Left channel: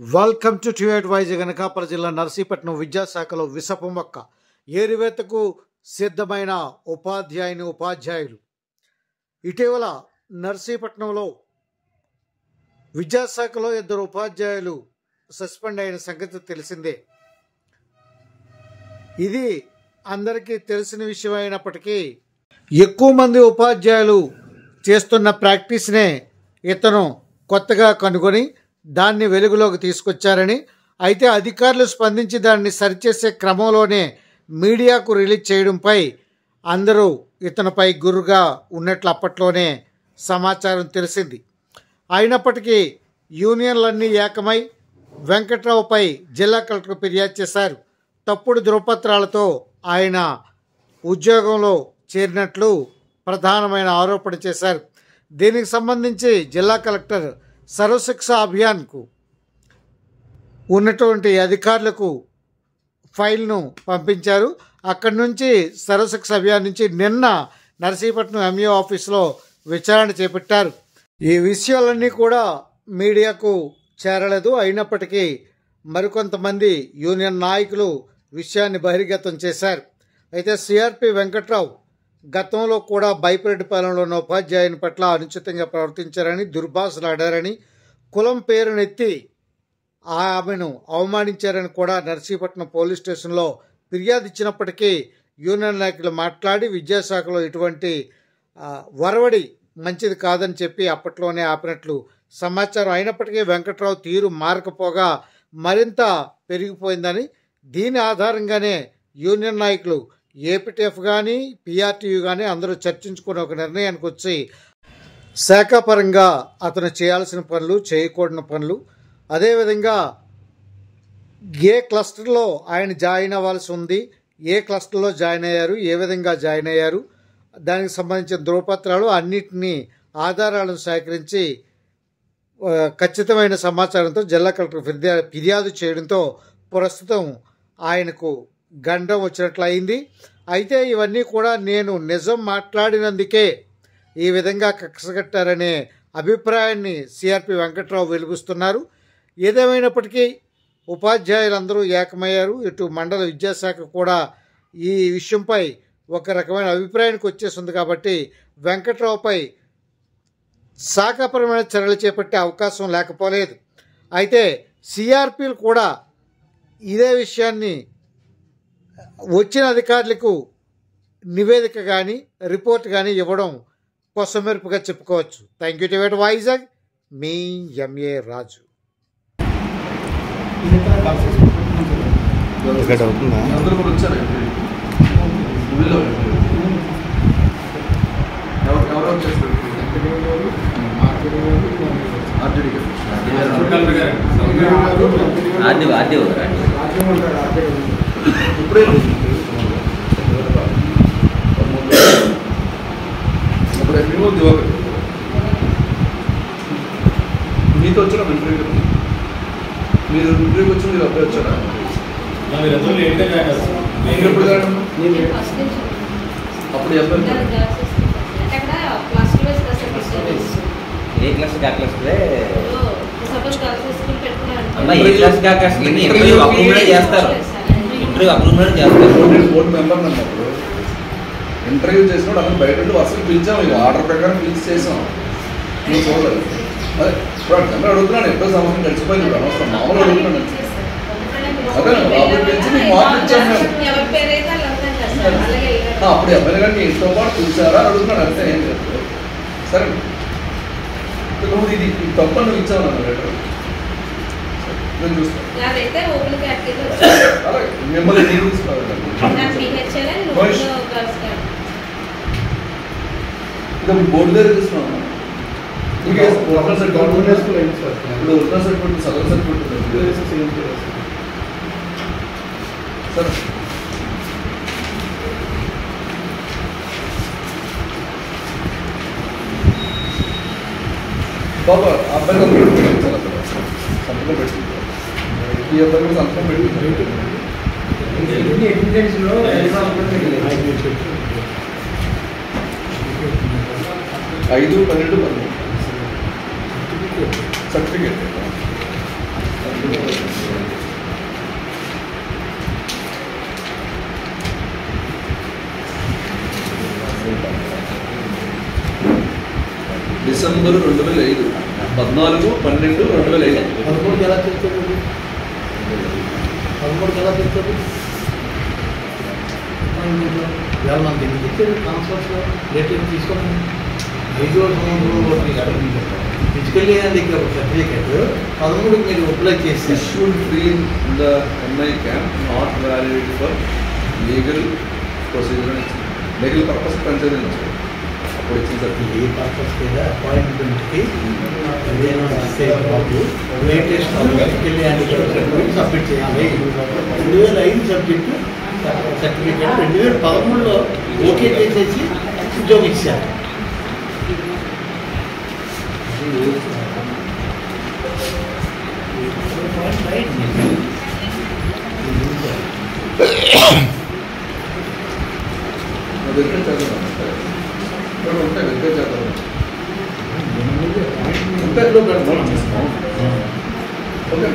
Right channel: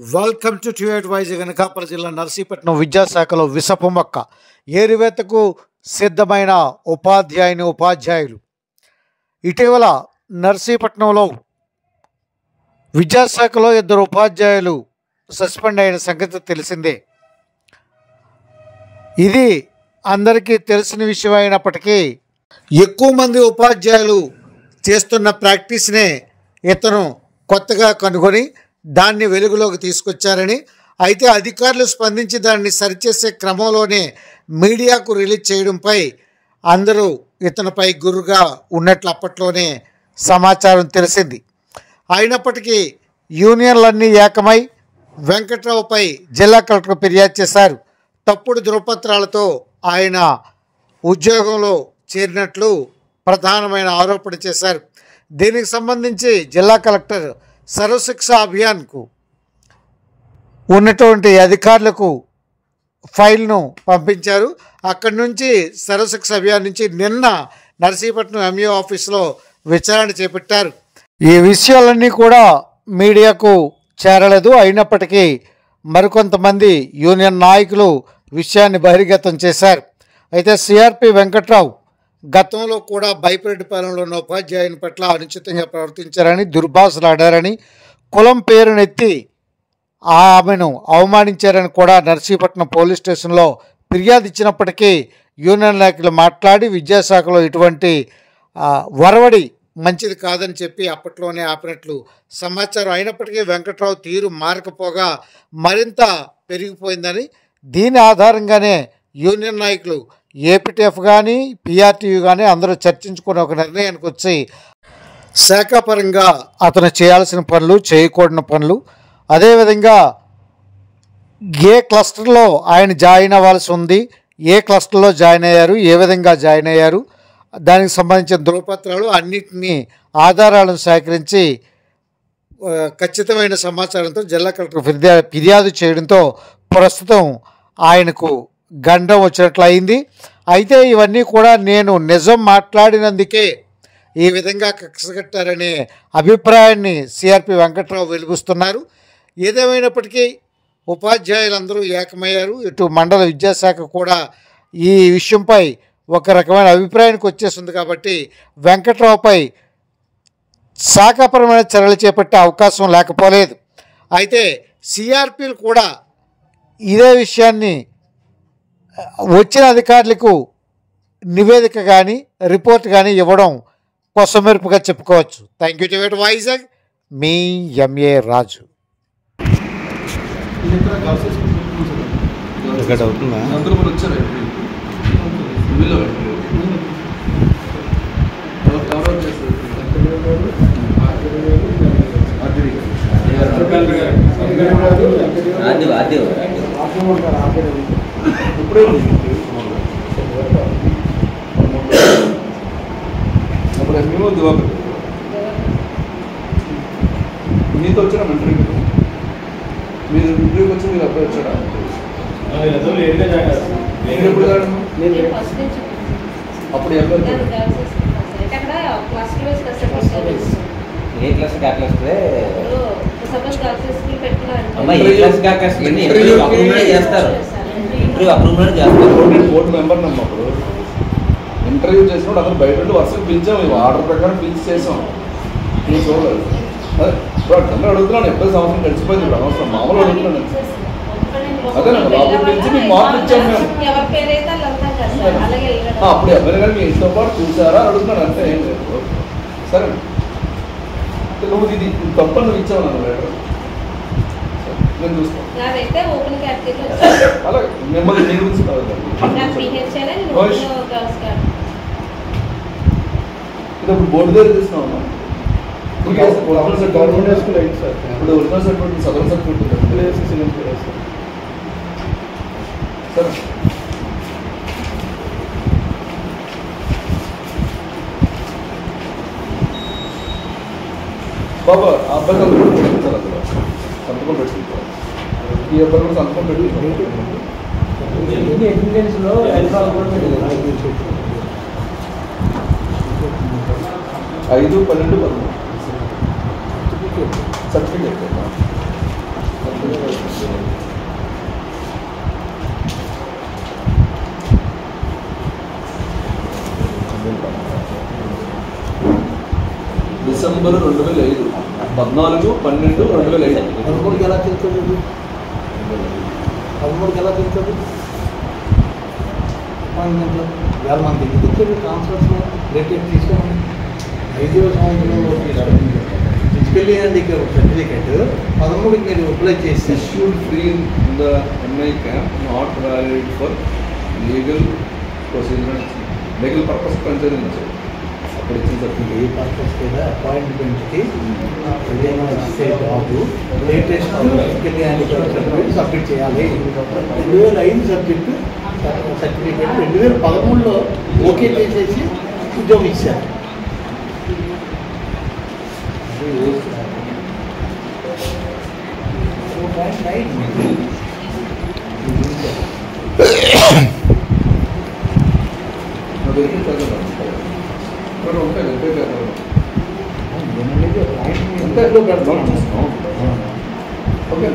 Welcome to ట్యూట్ వైజ్. అనకాపల్లి జిల్లా నర్సీపట్నం విద్యాశాఖలో విషపు మొక్క ఏరివేతకు సిద్ధమైన ఉపాధ్యాయులు. ఇటీవల నర్సీపట్నంలో విద్యాశాఖలో 2 ఉపాధ్యాయులు సస్పెండ్ అయిన సంగతి తెలిసిందే. ఇది అందరికీ తెలిసిన విషయం అయినప్పటికీ ఎక్కువ మంది ఉపాధ్యాయులు చేస్తున్న ప్రాక్టీస్నే ఇతను కొత్తగా కనుగొని దాన్ని వెలుగులోకి తీసుకొచ్చారని, అయితే అధికారులు స్పందించి దాన్ని సరిచేసే క్రమంలోనే మీడియాకు రిలీజ్ చేయడంపై అందరూ ఇతనిపై గురుగా ఉన్నట్లు అప్పట్లోనే సమాచారం తెలిసింది. అయినప్పటికీ యూనియన్లన్నీ ఏకమై వెంకట్రావుపై జిల్లా కలెక్టర్ ఫిర్యాదు చేశారు. తప్పుడు ధృవపత్రాలతో ఆయన ఉద్యోగంలో చేరినట్లు ప్రధానమైన ఆరోపణ చేశారు. దీనికి సంబంధించి జిల్లా కలెక్టర్ సర్వశిక్ష అభియాన్కు ఉన్నటువంటి అధికారులకు ఫైల్ను పంపించారు. అక్కడి నుంచి సర్వశిక్ష అభియాన్ నుంచి నిన్న నర్సీపట్నం ఎంఈఓ ఆఫీస్లో విచారణ చేపట్టారు. ఈ విషయాలన్నీ కూడా మీడియాకు చేరలేదు. అయినప్పటికీ మరికొంతమంది యూనియన్ నాయకులు విషయాన్ని బహిర్గతం చేశారు. అయితే సిఆర్పి వెంకట్రావు గతంలో కూడా బైపరెడ్డిపాలెంలో ఉన్న ఉపాధ్యాయుని పట్ల అనుచితంగా ప్రవర్తించారని, దుర్భాషలాడారని, కులం పేరునెత్తి ఆమెను అవమానించారని కూడా నర్సీపట్నం పోలీస్ స్టేషన్లో ఫిర్యాదు ఇచ్చినప్పటికీ యూనియన్ నాయకులు మాట్లాడి విద్యాశాఖలో ఇటువంటి వరవడి మంచిది కాదని చెప్పి అప్పట్లోనే ఆపినట్లు సమాచారం. అయినప్పటికీ వెంకట్రావు తీరు మారకపోగా మరింత పెరిగిపోయిందని, దీని ఆధారంగానే యూనియన్ నాయకులు ఏపీటీఎఫ్ కానీ పిఆర్టీయూ కానీ అందరూ చర్చించుకుని ఒక నిర్ణయానికి వచ్చి శాఖాపరంగా అతను చేయాల్సిన పనులు, చేయకూడని పనులు, అదేవిధంగా ఏ క్లస్టర్లో ఆయన జాయిన్ అవ్వాల్సి ఉంది, ఏ క్లస్టర్లో జాయిన్ అయ్యారు, ఏ విధంగా జాయిన్ అయ్యారు, దానికి సంబంధించిన ధృవపత్రాలు అన్నిటినీ ఆధారాలను సేకరించి ఖచ్చితమైన సమాచారంతో జిల్లా కలెక్టర్ ఫిర్యాదు చేయడంతో ప్రస్తుతం ఆయనకు గండం వచ్చినట్లు అయింది. అయితే ఇవన్నీ కూడా నేను నిజం మాట్లాడినందుకే ఈ విధంగా కక్షగట్టారనే అభిప్రాయాన్ని సిఆర్పి వెంకట్రావు వెలుగుస్తున్నారు. ఏదేమైనప్పటికీ ఉపాధ్యాయులందరూ ఏకమయ్యారు. ఇటు మండల విద్యాశాఖ కూడా ఈ విషయంపై ఒక రకమైన అభిప్రాయానికి వచ్చేస్తుంది. కాబట్టి వెంకట్రావుపై శాఖాపరమైన చర్యలు చేపట్టే అవకాశం లేకపోలేదు. అయితే సిఆర్పీలు కూడా ఇదే విషయాన్ని వచ్చిన అధికారులకు నివేదిక కానీ రిపోర్ట్ కానీ ఇవ్వడం కొసమెరుపుగా చెప్పుకోవచ్చు. థ్యాంక్ యూ టు వైజాగ్, మీ ఎంఏ రాజు. మీతో వచ్చారా ఇంటర్వ్యూకి? మీరు ఇంటర్వ్యూకి వచ్చి మీరు అబ్బాయి వచ్చారా? మీరు ఎప్పుడు అప్పుడు అబ్బాయి బోర్డు మెంబర్ నమ్మ. అప్పుడు ఇంటర్వ్యూ చేసినప్పుడు అతను బయట వరుసగా పిలిచాము, ఇవి ఆర్డర్ ప్రకారం పిలిచి చేసాం. నువ్వు చూడలేదు. అదే ఇప్పుడు అడుగుతున్నాను, ఎప్పుడో సంవత్సరం గడిచిపోయింది, ఇప్పుడు అనవసరం మామూలు అడుగుతున్నాను. అదే లోపల పిలిచి మీకు మార్కులు ఇచ్చాము మేము. అప్పుడు ఎవరి కానీ మీ ఇంట్లో పాటు చూసారా అడుగుతున్నాను, అంతే, ఏం లేదు. సరే నువ్వు ఇది తప్ప నువ్వు ఇచ్చావు నన్ను లెటర్, నేను చూస్తాను. అలాగే మిమ్మల్ని నేను తీసుకోవాలి. ఇది బోర్డు దగ్గర చూస్తున్నాం. ఇప్పుడు ఒరిజినల్ సర్టిఫికెట్ సదరన్ సర్టిఫికెట్ సరే. బాబా ఆ అబ్బాయి సంతకం పెట్టుకుంటారు, ఈ అబ్బాయి కూడా సంతకం పెట్టుకుంటారు. 5/12/13 सर्टिफिकेट డిసెంబర్ 2005 14/12/2005 13కి ఎలా తెలుస్తుంది? 13కి ఎలా తెలుస్తుంది? అపాయింట్మెంట్ ఇవాళ మనకి ఎందుకు ఇచ్చారు ట్రాన్స్ఫర్స్ లేటెస్ట్ తీసుకోమని 5వ సంవత్సరంలో ఫిజికల్లీ హ్యాండిక్యాప్డ్ సర్టిఫికేట్ 13కి మీరు అప్లై చేసి issued free in the MI camp, not valid for legal procedure, legal purpose consideration. అప్పుడు ఇచ్చిన సర్టిఫికేట్ ఏ పర్పస్ లేదా అపాయింట్మెంట్కి ఏదైనా ఇస్తే job latest physically handicapped certificate submit చేయాలి. 2005 సబ్జెక్టు సర్టిఫికేట్ 2013లో ఓకే చేసేసి ఉద్యోగం ఇచ్చారు. వెరిఫై చేద్దాం ఇక్కడ ఉంటాయి వెరిఫై చేద్దాం అంతే ఓకే